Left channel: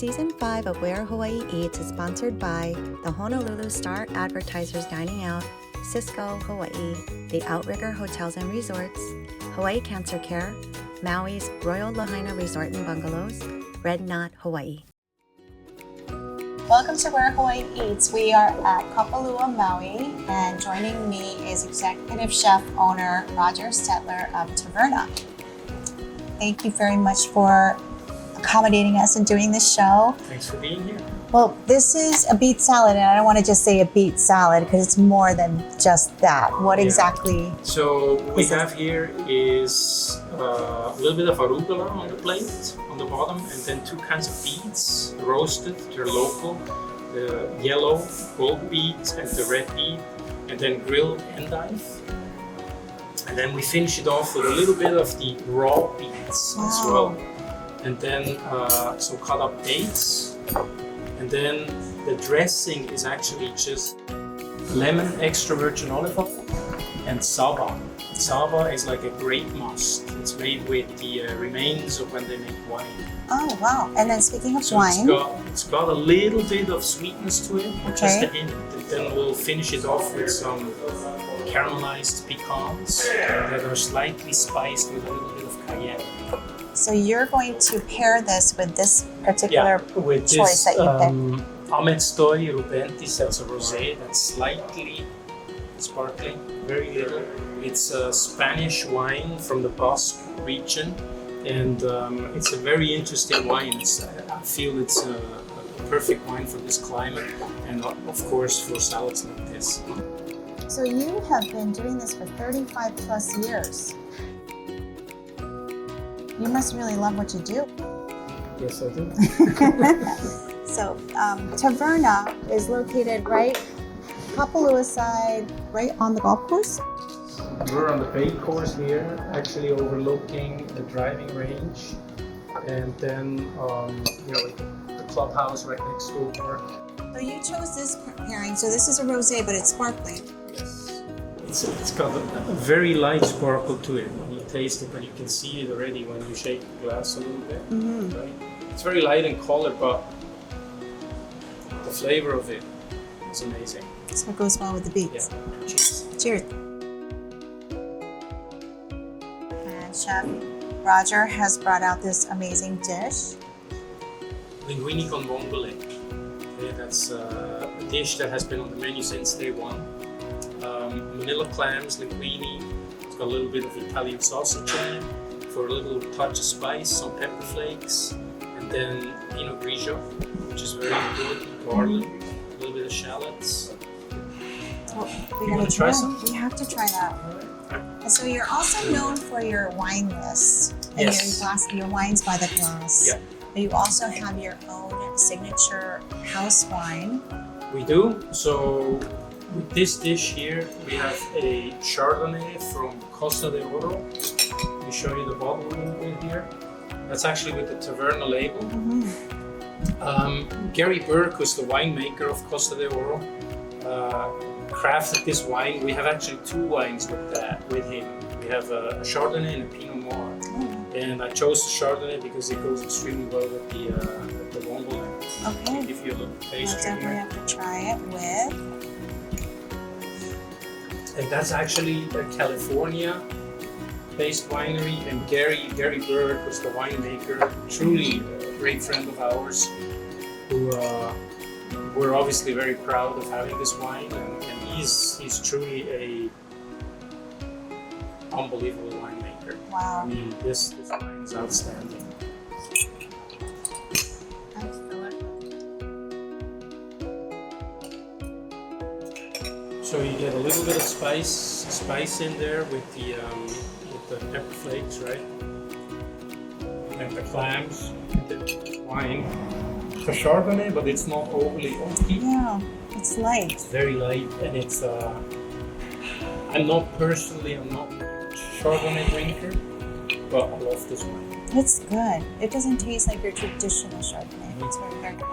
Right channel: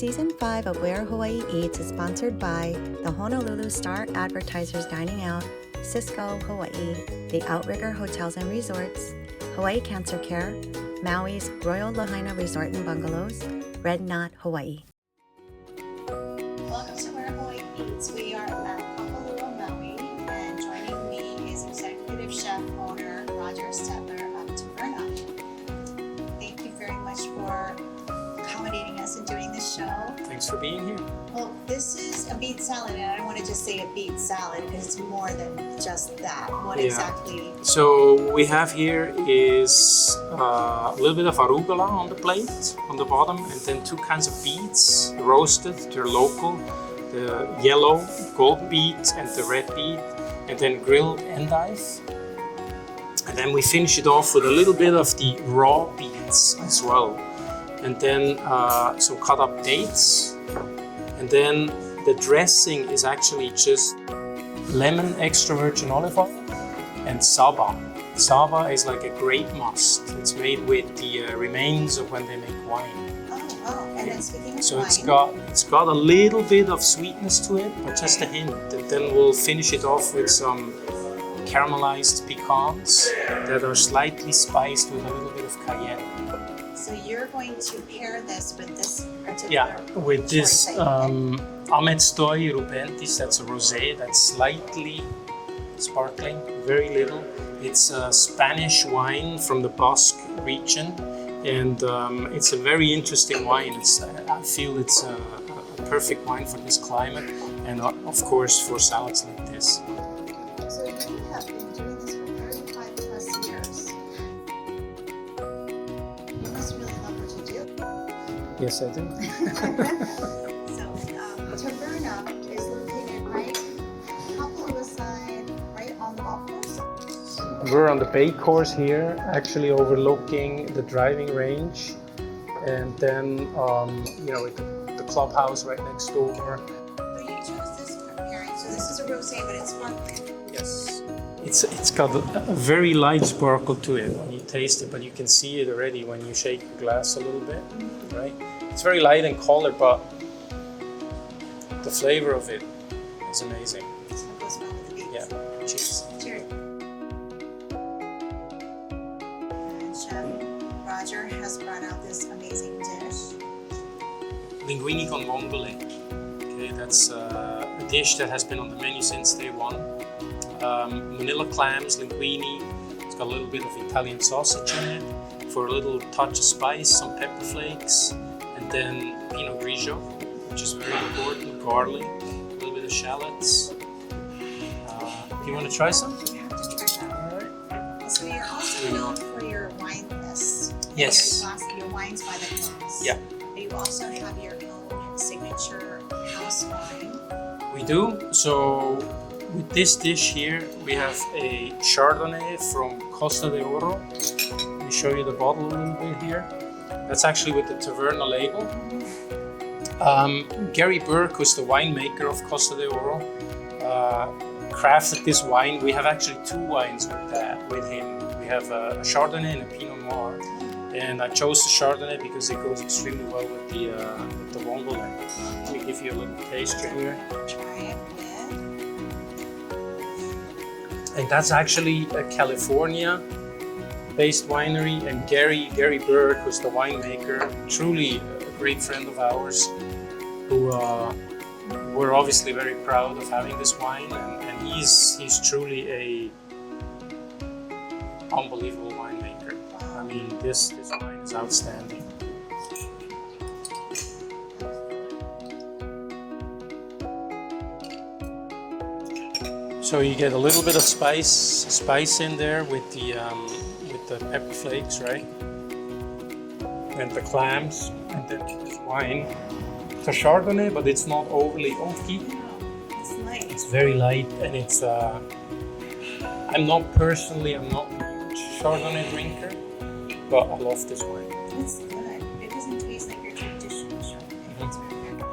Season 5 of Where Hawaii Eats is sponsored by the Honolulu Star Advertisers Dining Out, Cisco, Hawaii, the Outrigger Hotels and Resorts, Hawaii Cancer Care, Maui's Royal Lahaina Resort and Bungalows, Red Knot, Hawaii. Welcome to Where Hawaii Eats. We are at Kapalua, Maui, and joining me is Executive Chef Owner Roger Stettler of Taverna. Thank you very much for accommodating us and doing this show. Thanks for being here. Well, this is a beet salad, and I don't want to just say a beet salad because it's more than just that. What exactly? So what we have here is a little bit of arugula on the plate, on the bottom, and then two kinds of beets, roasted, they're local, the yellow gold beet and the red beet, and then grilled endive. And then we finish it off with a little bit of the raw beets as well. And then some cut up dates. And then the dressing is actually just lemon extra virgin olive oil and saba. Saba is like a great must. It's made with the remains of when they make wine. Oh, wow. And then speaking of wine. It's got a little bit of sweetness to it, just a hint. And then we'll finish it off with some caramelized pecans that are slightly spiced with a little bit of cayenne. So you're going to pair this with this particular with choice this, that you picked. Ametstoi rubentis, that's a rosé that's slightly sparkling, very little. It's a Spanish wine from the Basque region, and it's a very interesting wine. I feel it's a perfect wine for this climate, and of course for salads like this. So you have been doing this for 35 plus years. You must really love what you do. Yes, I do. So Taverna is located right Kapalua side, right on the golf course. We're on the bay course here, actually overlooking the driving range, and then the clubhouse right next door. So you chose this pairing. So this is a rosé, but it's sparkling. Yes, it's got a very light sparkle to it when you taste it, but you can see it already when you shake the glass a little bit, right? It's very light in color, but the flavor of it is amazing. So it goes well with the beets. Yeah. Cheers. Cheers. And Chef Roger has brought out this amazing dish. Linguini con vongole. Okay, that's a dish that has been on the menu since day one. Manila clams, linguine. It's got a little bit of Italian sausage in it for a little touch of spice, some pepper flakes, and then Pinot Grigio, which is very important, garlic, a little bit of shallots. You want to try some? We have to try that. And so you're also known for your wine list and your wines by the glass. Yeah. But you also have your own signature house wine. We do. So with this dish here, we have a Chardonnay from Costa de Oro. Let me show you the bottle a little bit here. That's actually with the Taverna label. Gary Burke, who's the winemaker of Costa de Oro, crafted this wine. We have actually two wines with him. We have a Chardonnay and a Pinot Noir. And I chose the Chardonnay because it goes extremely well with the vongole. Okay. I'll give you a little taste Definitely here. have to try it with. And that's actually a California-based winery, and Gary Burke, who's the winemaker, truly a great friend of ours, who we're obviously very proud of having this wine, and he's truly a unbelievable winemaker. Wow. I mean, this wine is outstanding. So you get a little bit of spice in there with the pepper flakes, right? And the clams, and then wine. It's a Chardonnay, but it's not overly oaky. Yeah, it's light. It's very light, and it's. I'm not a Chardonnay drinker, but I love this wine. It's good. It doesn't taste like your traditional Chardonnay. It's very good.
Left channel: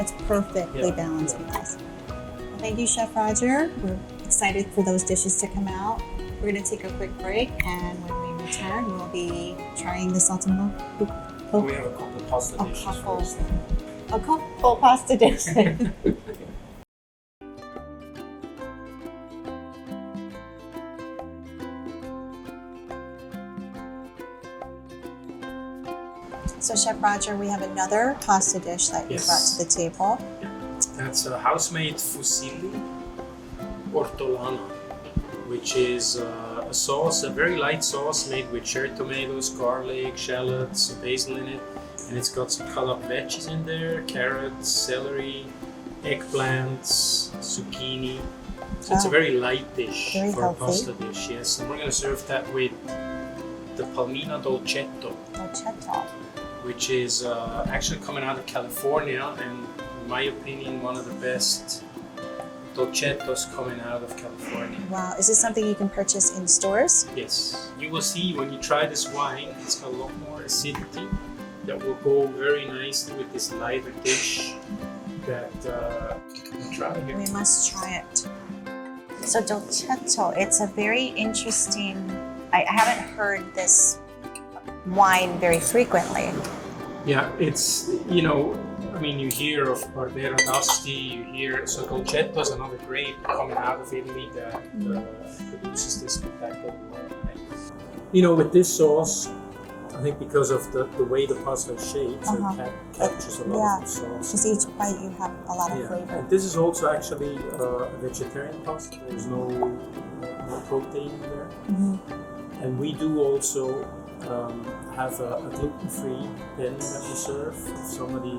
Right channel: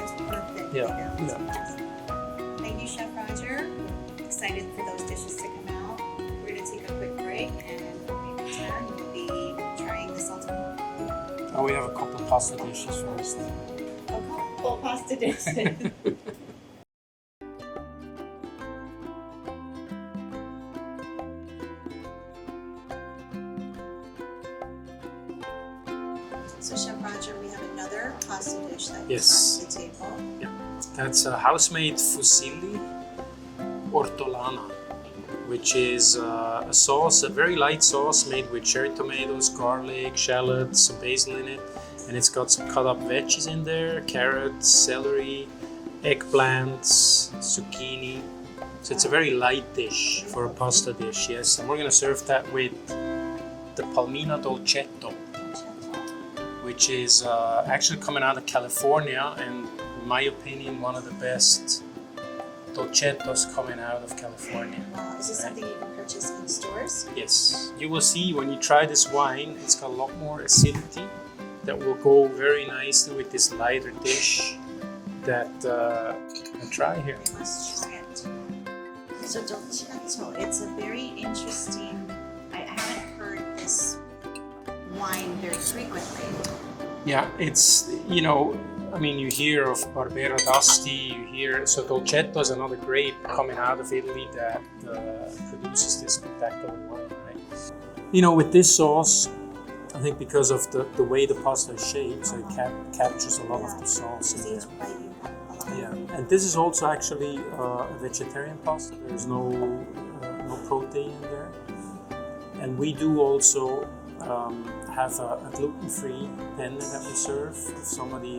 It's perfectly balanced with this. Thank you, Chef Roger. We're excited for those dishes to come out. We're going to take a quick break, and when we return, we'll be trying the salted Oh, we have a couple of pasta A dishes couple. first. A couple pasta dishes. So Chef Roger, we have another pasta dish that you Yes. brought to the table. That's a house-made fusilli ortolana, which is a sauce, a very light sauce made with cherry tomatoes, garlic, shallots, basil in it, and it's got some cut-up veggies in there: carrots, celery, eggplants, zucchini. So it's a very light dish Very for healthy. a pasta dish. Yes, and we're gonna serve that with the palmina dolcetto, Dolcetto. which is actually coming out of California, and in my opinion, one of the best dolcettos coming out of California. Wow, is this something you can purchase in stores? Yes, you will see when you try this wine, it's got a lot more acidity that will go very nicely with this lighter dish that you can try here. We must try it. So dolcetto, it's a very interesting. I haven't heard this wine very frequently. Yeah, it's, you know, I mean, you hear of Barbera d'Asti, you hear, so dolcetto is another grape coming out of Italy that produces this spectacular wine, right? You know, with this sauce, I think because of the way the pasta is shaped, so it captures a lot of the sauce. Because each bite you have a lot of Yeah, flavor. and this is also actually a vegetarian pasta. There's no protein in there. Mm-hmm. And we do also have a gluten-free pen that we serve. If somebody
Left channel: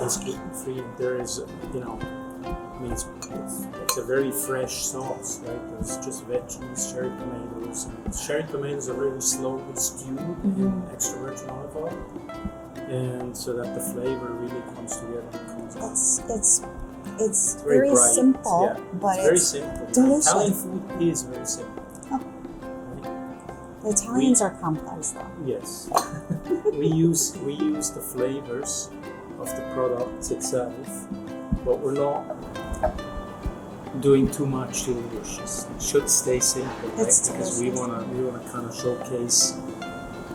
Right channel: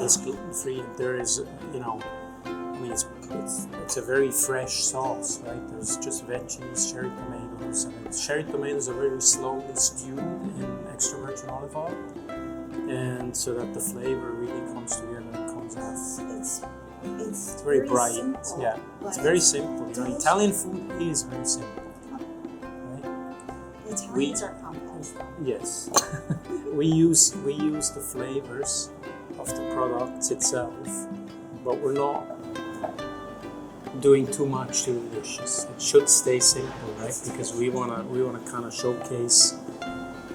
is gluten-free, there is, you know, I mean, it's a very fresh sauce, right? There's just veggies, cherry tomatoes, and cherry tomatoes are very slowly stewed in extra virgin olive oil, and so that the flavor really comes together and comes out. It's very very bright, simple, yeah. but It's very it's simple. delicious. Italian food is very simple. the Italians are complex though. Yes, we use the flavors of the products itself, but we're not doing too much to the dishes. It should stay simple, right? It's Because we wanna kind of showcase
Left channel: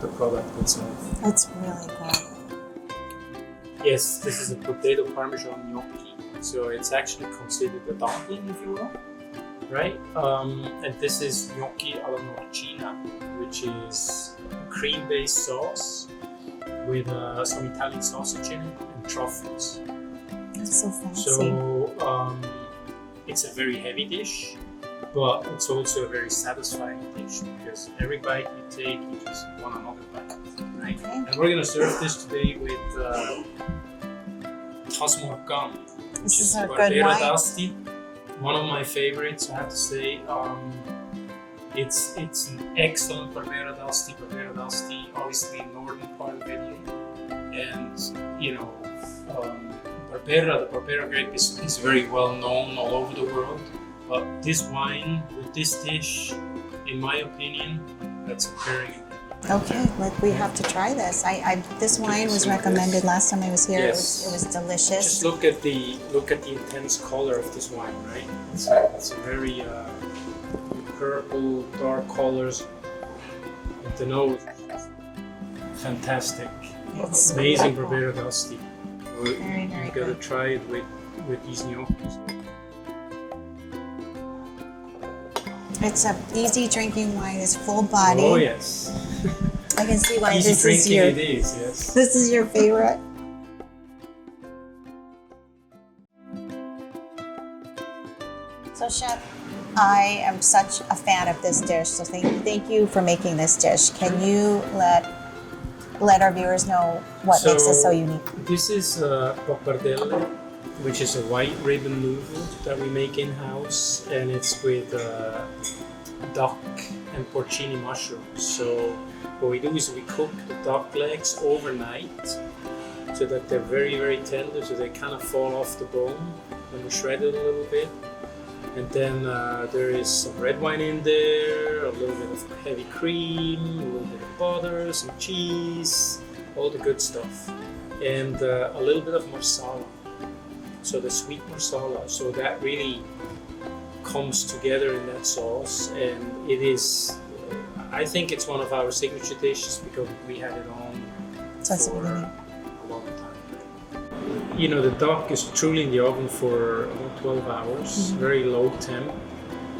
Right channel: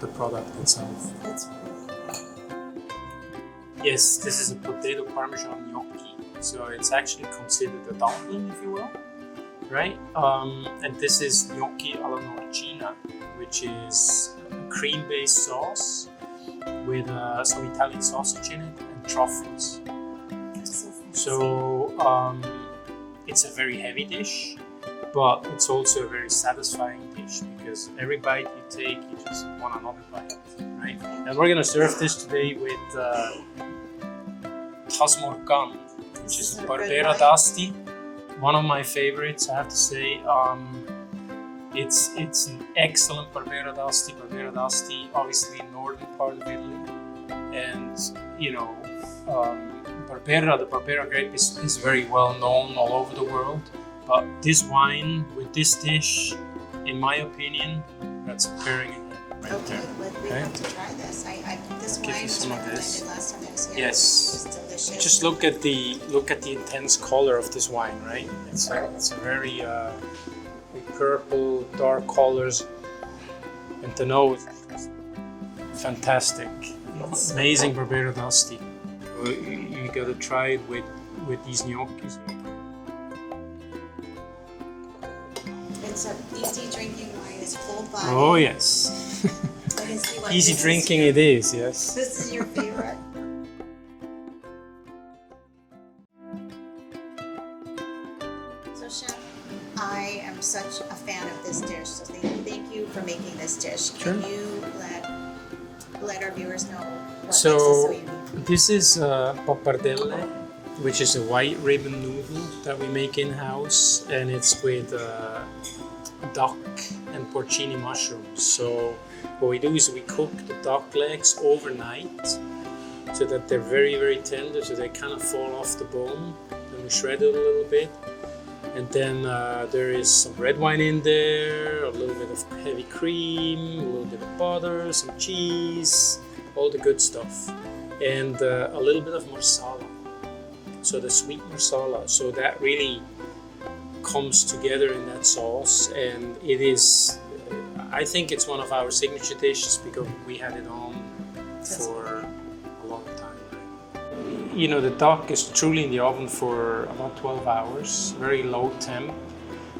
the product itself. It's really good. Yes, this is a potato parmesan gnocchi, so it's actually considered a dumpling, if you will, right? And this is gnocchi alla norcina, which is a cream-based sauce with some Italian sausage in it and truffles. It's so fancy. So it's a very heavy dish, but it's also a very satisfying dish because every bite you take, you just want another bite, right? And we're gonna serve this today with Tasmorgan, which This is is a good Barbera wine. d'Asti. One of my favorites, I have to say. It's an excellent Barbera d'Asti. Barbera d'Asti, obviously in northern part of Italy, and you know, the Barbera grape is very well known all over the world. But this wine with this dish, in my opinion, that's pairing. Okay, we have to try this. This wine was recommended last time I was here. Yes. It was delicious. Just look at the intense color of this wine, right? It's a very purple, dark colors. And the nose, fantastic. It's Amazing wonderful. Barbera d'Asti. Very, You very gotta good. try it with these gnocchis. It's an easy drinking wine. It's full body. Oh yes, I can see why easy this is drinking your it is. Yes. this is your favorite. So Chef, I am such a fan of this dish. So thank you for making this dish. Can you let our viewers know what makes it so unique? This is pappardelle, which is a white ribbon noodle that we make in house, and it's with duck and porcini mushrooms. So what we do is we cook the duck legs overnight so that they're very, very tender, so they kind of fall off the bone, and we shred it a little bit. And then there is some red wine in there, a little bit of heavy cream, a little bit of butter, some cheese, all the good stuff, and a little bit of marsala. So the sweet marsala, so that really comes together in that sauce, and it is. I think it's one of our signature dishes because we had it on That's for amazing. a long time. You know, the duck is truly in the oven for about 12 hours, very low temp,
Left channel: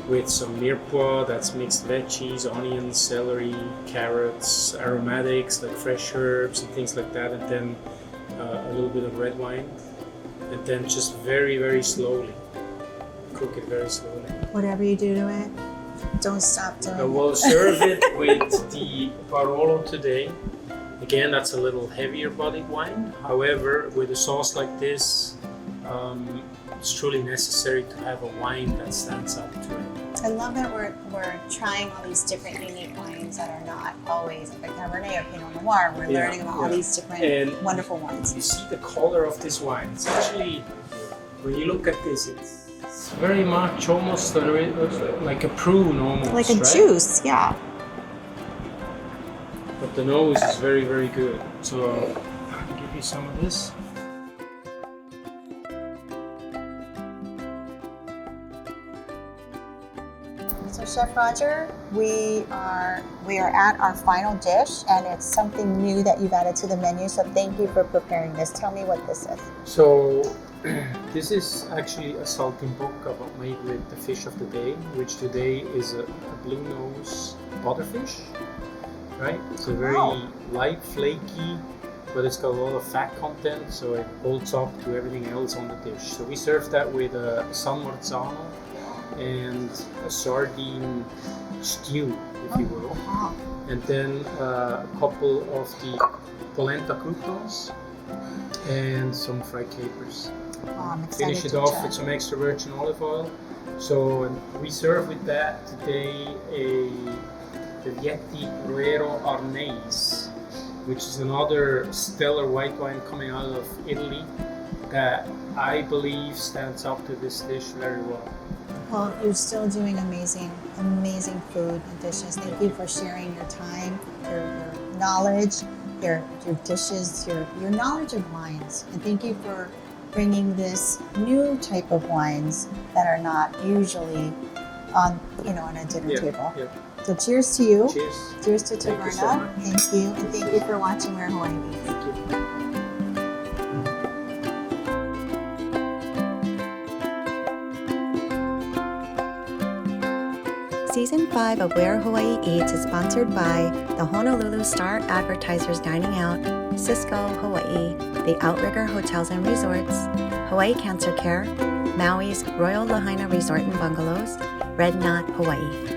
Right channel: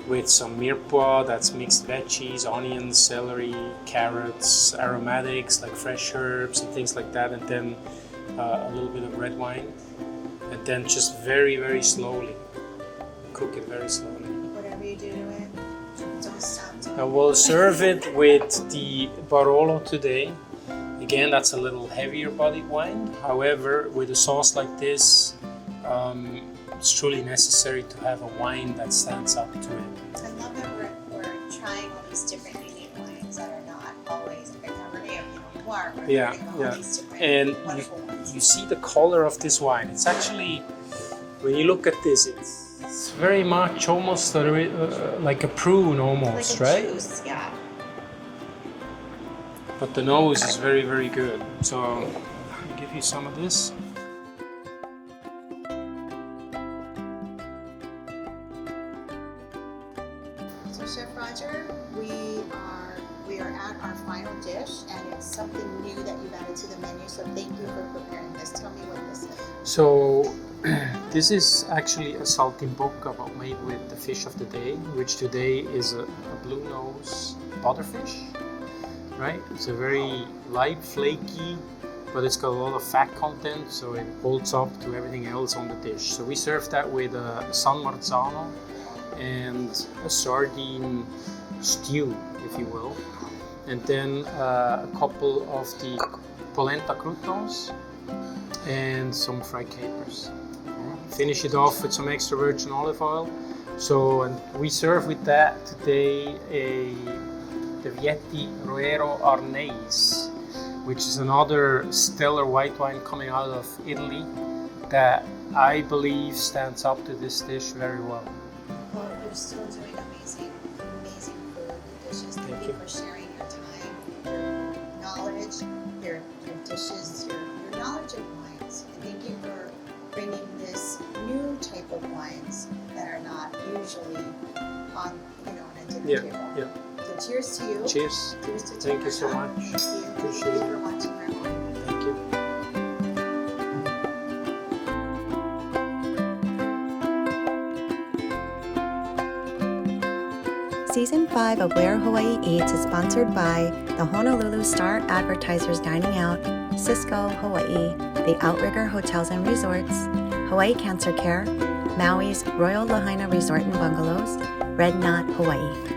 with some mirepoix, that's mixed veggies, onions, celery, carrots, aromatics like fresh herbs and things like that, and then a little bit of red wine, and then just very, very slowly. Cook it very slowly. Whatever you do to it, don't stop doing it. We'll serve it with the Barolo today. Again, that's a little heavier bodied wine. However, with a sauce like this, it's truly necessary to have a wine that stands up to it. I love that we're trying all these different unique wines that are not always like Cabernet or Pinot Noir. We're learning about all these different And wonderful wines. You see the color of this wine. It's actually, when you look at this, it's very much almost like a prune almost, Like a right? juice, yeah. But the nose is very, very good. So I'll give you some of this. So Chef Roger, we are at our final dish, and it's something new that you've added to the menu. So thank you for preparing this. Tell me what this is. So this is actually a saltimbocca made with the fish of the day, which today is a blue nose butterfish, right? It's a very light, flaky, but it's got a lot of fat content, so it holds up to everything else on the dish. So we serve that with a San Marzano and a sardine stew, if you will, and then a couple of the polenta croutons and some fried capers. Finish it off with some extra virgin olive oil. So and we serve with that today the Vietti Ruero Arnese, which is another stellar white wine coming out of Italy that I believe stands up to this dish very well. Well, you're still doing amazing food and dishes. Thank you for sharing your time, your knowledge, your dishes, your knowledge of wines. And thank you for bringing this new type of wines that are not usually on a dinner table. Yeah. So cheers to you. Cheers. Cheers to Thank you so Taverna. much. Thank you. And thank you for watching Where Hawaii Meets. Thank you. Season 5 of Where Hawaii Eats is sponsored by the Honolulu Star Advertisers Dining Out, Cisco, Hawaii, the Outrigger Hotels and Resorts, Hawaii Cancer Care, Maui's Royal Lahaina Resort and Bungalows, Red Knot, Hawaii.